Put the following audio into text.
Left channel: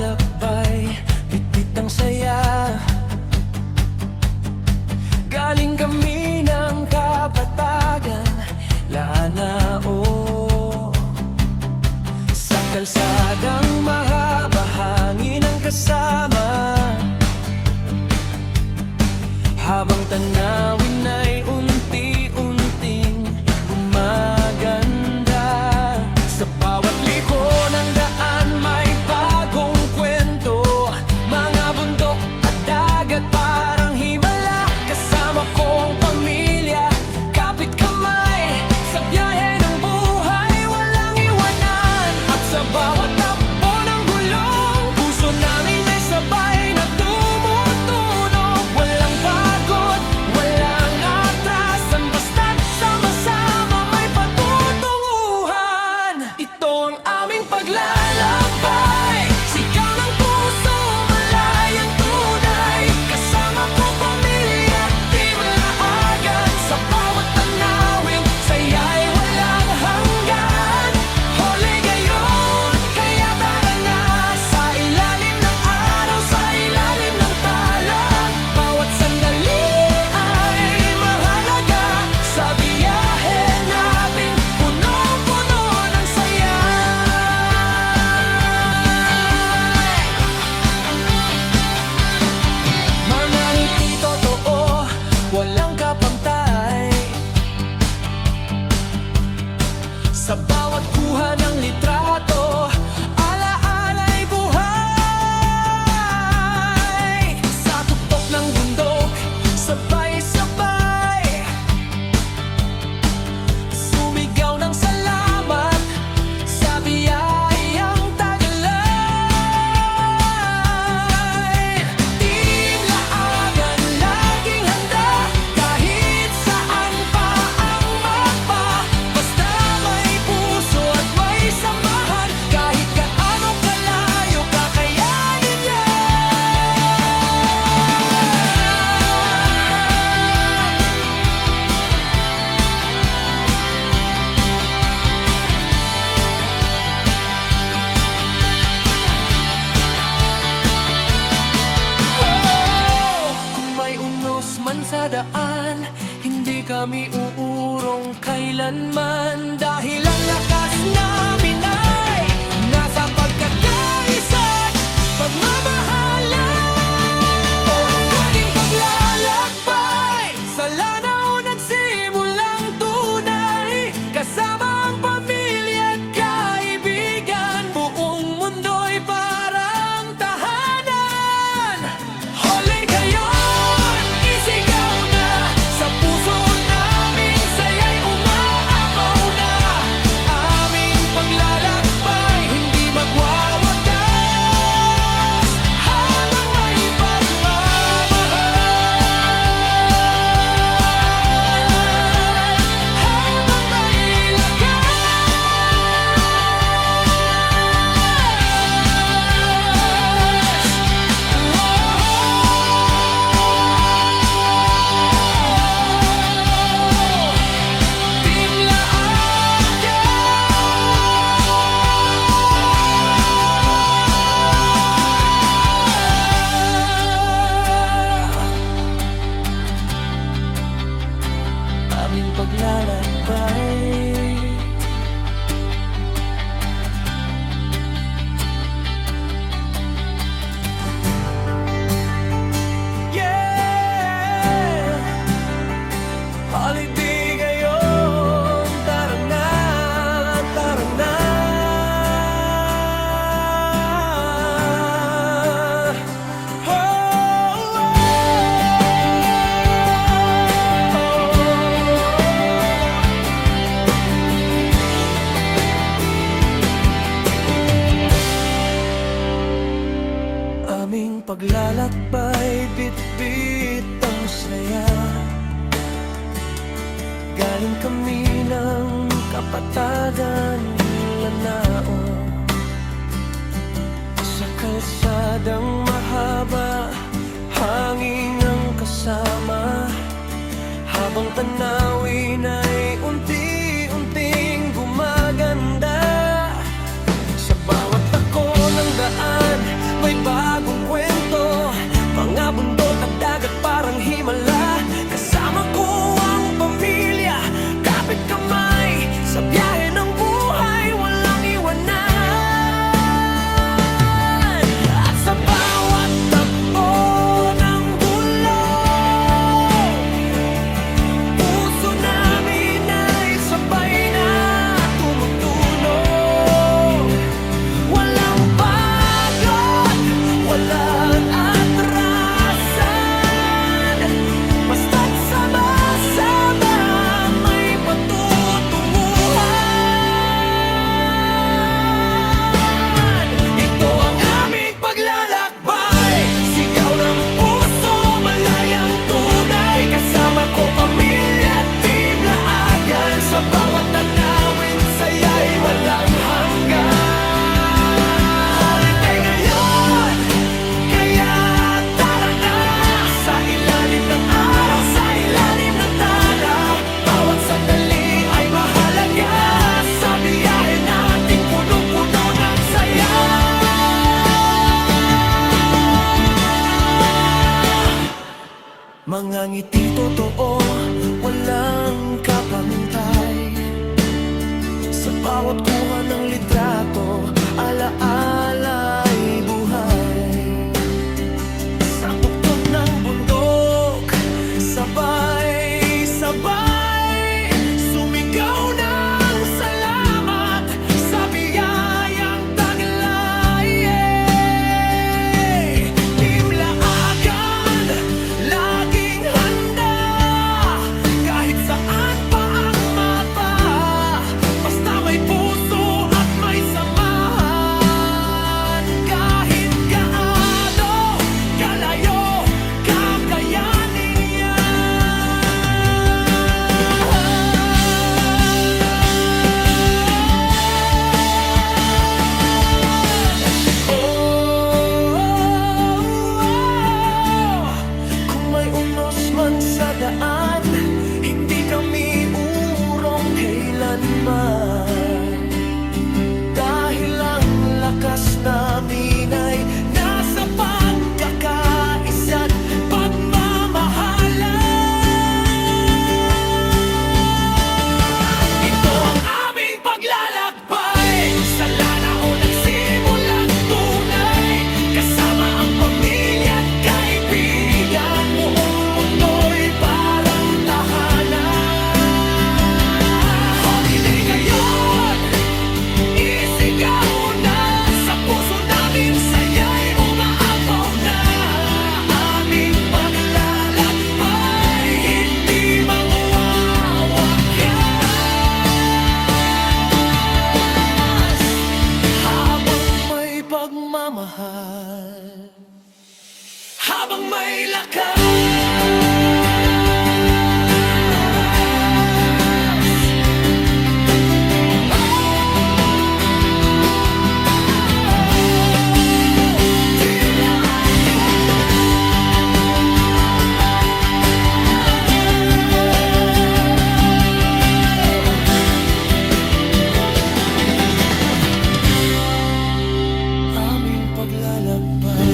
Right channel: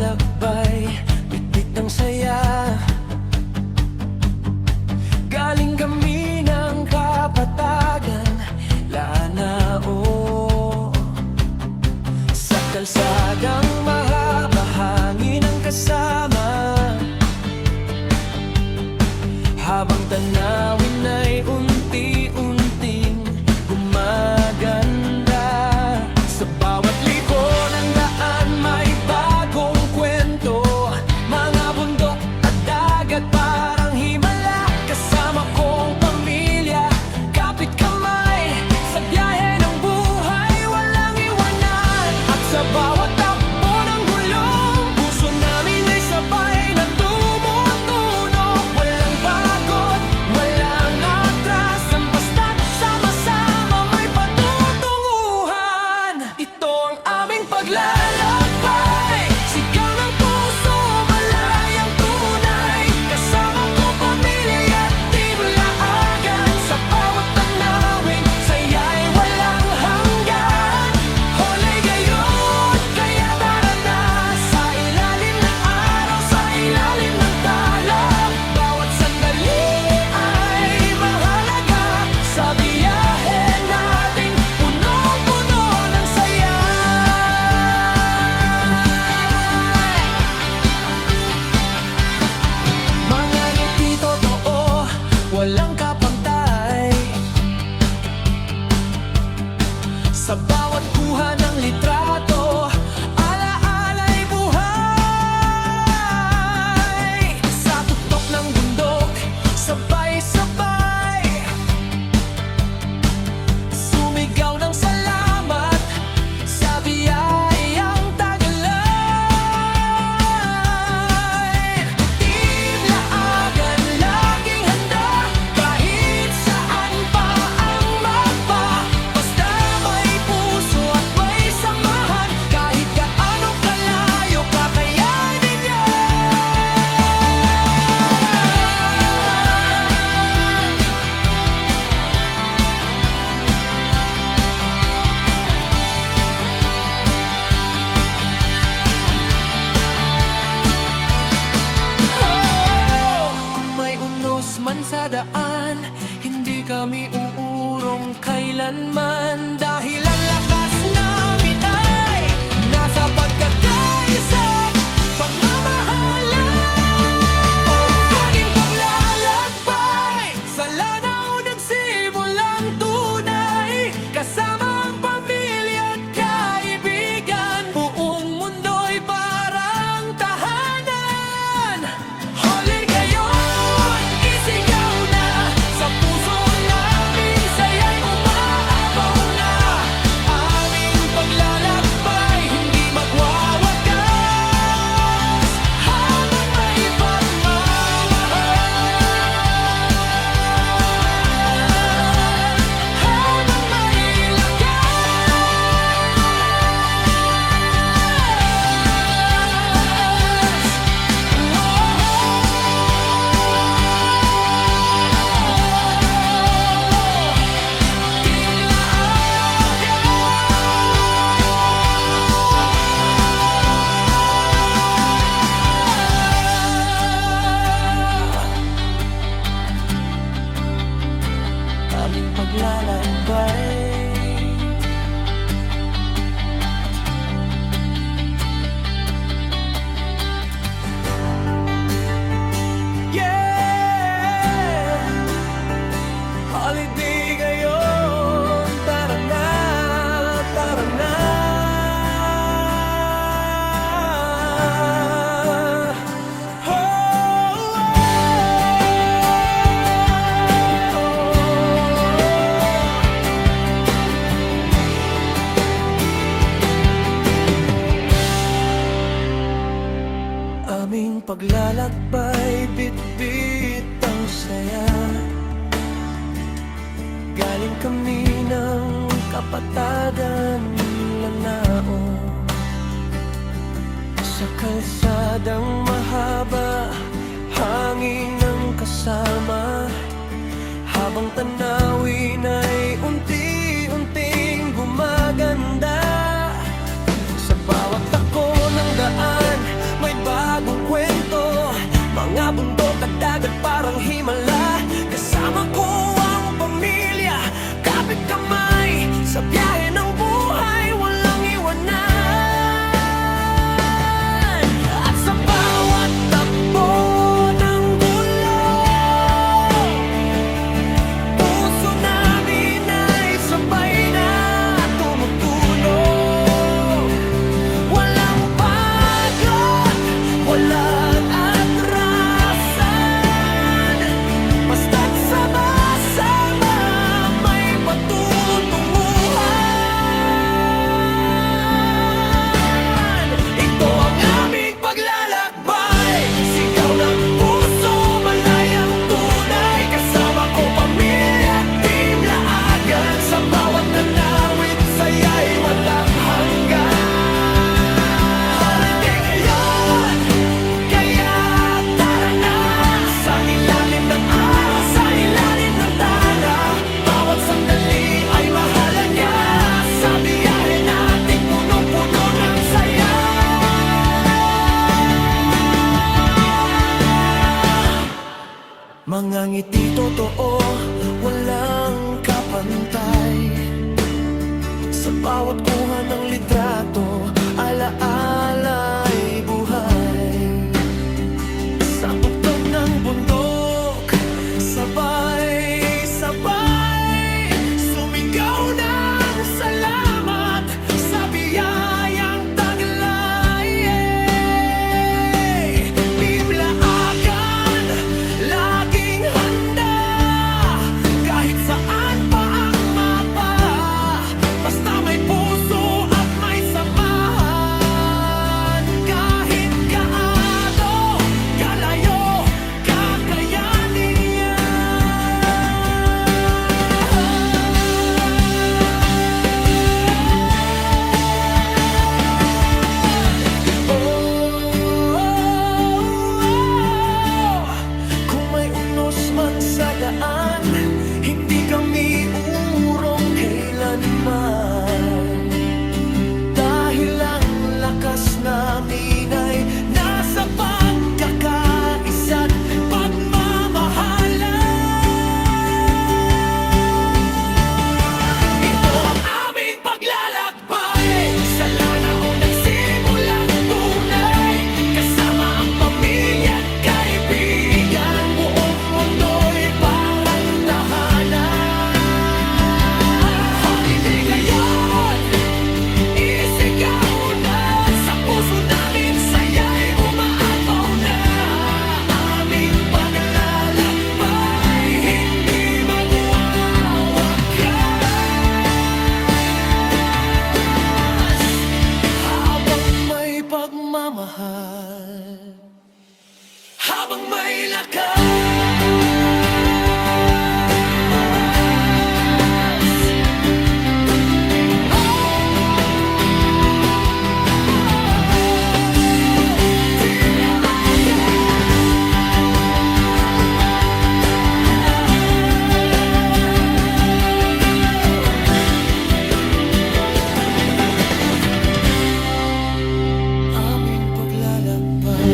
paglalakbay, bitbit ang saya. Galing kami ng Kapatagan, Lanao. Sa kalsadang mahaba, hangin ang kasama, habang tanawin ay unti-unting gumaganda. Sa bawat liko ng daan may bagong kwento, mga bundok at dagat parang himala. Kasama kong pamilya, kapit kamay, sa biyahe ng buhay walang iwanan. At sa bawat takbo ng gulong, puso namin ay sabay na tumutunog. Walang pagod, walang atrasan, basta't sama-sama may patutunguhan. Ito ang aming paglalakbay, sigaw ng puso, malayang tunay. Kasama ko pamilya at Team Laagan, sa bawat tanawin, saya'y walang hanggan. Hole gayon, kaya tara na, sa ilalim ng araw, sa ilalim ng tala. Bawat sandali ay mahalaga, sa biyahe nating punong-puno ng saya. Mga ngiti totoo, walang kapantay. Sa bawat kuha ng litrato, ala-ala'y buhay. Sa tuktok ng bundok, sabay-sabay sumigaw ng salamat sa biyayang taglay. Team Laagan laging handa, kahit saan pa ang mapa. Basta may puso at may samahan, kahit gaano kalayo, kakayanin yan. Oh, kung may unos man sa daan, hindi kami uurong kailanman. Dahil ang lakas namin ay nasa pagkakaisa't pagmamahalan. O pwedeng paglalakbay, sa Lanao nagsimulang tunay. Kasama ang pamilya at kaibigan, buong mundo'y parang tahanan. Hole gayon, isigaw na, sa puso namin saya'y umaapaw na. Aming paglalakbay, hindi magwawakas, habang may pagmamahal, habang may lakas. Team Laagan, aming paglalakbay. Yeah! Holiday ngayon, tara na, tara na. Oh, aming paglalakbay, bit-bit ang saya. Galing kami ng Kapatagan, Lanao. Sa kalsadang mahaba, hangin ang kasama, habang tanawin ay unti-unting gumaganda. Sa bawat tako ng daan bagong kwento. Mga bundok at dagat parang himala. Kasama ko ang pamilya, kapit kamay sa biyahe ng buhay, walang iwanan. At sa bawat takbo ng gulong, puso namin ay sabay na tumutulog. Walang pagod, walang atrasan, basta't sama-sama may patutunguhan. Ito ang aming paglalakbay, sigaw ng puso, malayang tunay. Kasama ko pamilya at team Laagan, sa bawat tanawin saya'y walang hanggan. Holiday ngayon, kaya tara na, sa ilalim ng araw, sa ilalim ng tala. Bawat sandali ay mahalaga, sa biyahe nating punong-puno ng saya. Mga ngiti totoo, walang kapantay. Sa bawat kuha ng litrato, alaala'y buhay. Sa tuktok ng bundok, sabay-sabay sumigaw ng salamat sa biyayang taglay. Team Laagan, laging handa, kahit saan pa ang mapa, basta may puso at may samahan. Kahit gaano kalayo, kakayanin yan. Kung may unos man sa daan, hindi kami urong kailanman. Dahil ang lakas namin ay nasa pagkakaisa't pagmamahalan. Ito ang aming paglalakbay, sa lana o nagsimulang tunay. Kasama ang pamilya at kaibigan, buong mundo'y parang tahanan. Holiday ngayon, isigaw na, sa puso namin saya'y umaapaw na. Aming paglalakbay, hindi magwawakas, habang may pagmamahal, habang may lakas. Team Laagan, aming paglalakbay.